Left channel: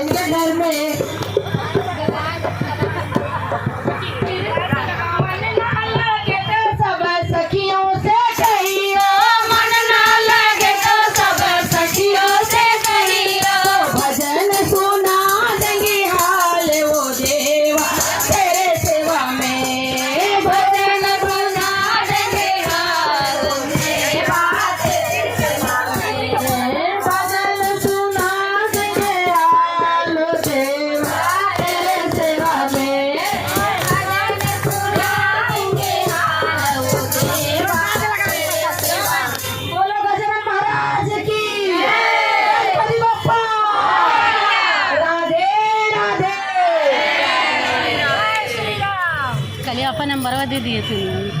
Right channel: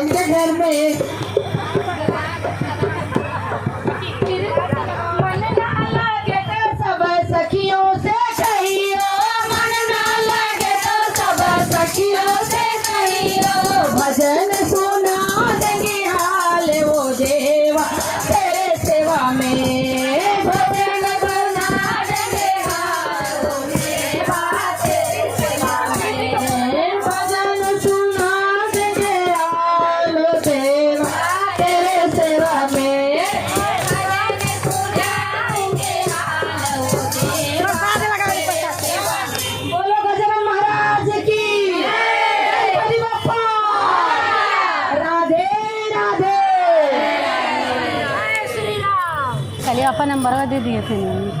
इनके घर में मन ना लगे तो सब सखियों से कहियो, मन ना लगे तो सब सखियों से कहियो, भजन सुना देंगे हाल वो देवा तेरे सेवा में, भजन सुना देंगे हाल वो देवा तेरे सेवा में, भजन सुना देंगे हाल वो देवा तेरे सेवा में, भजन सुना देंगे हाल वो देवा तेरे सेवा में। बोलो गजानन महाराज की गणपति बप्पा, राधे राधे। चलिए अपन नंबर दे दिए थे।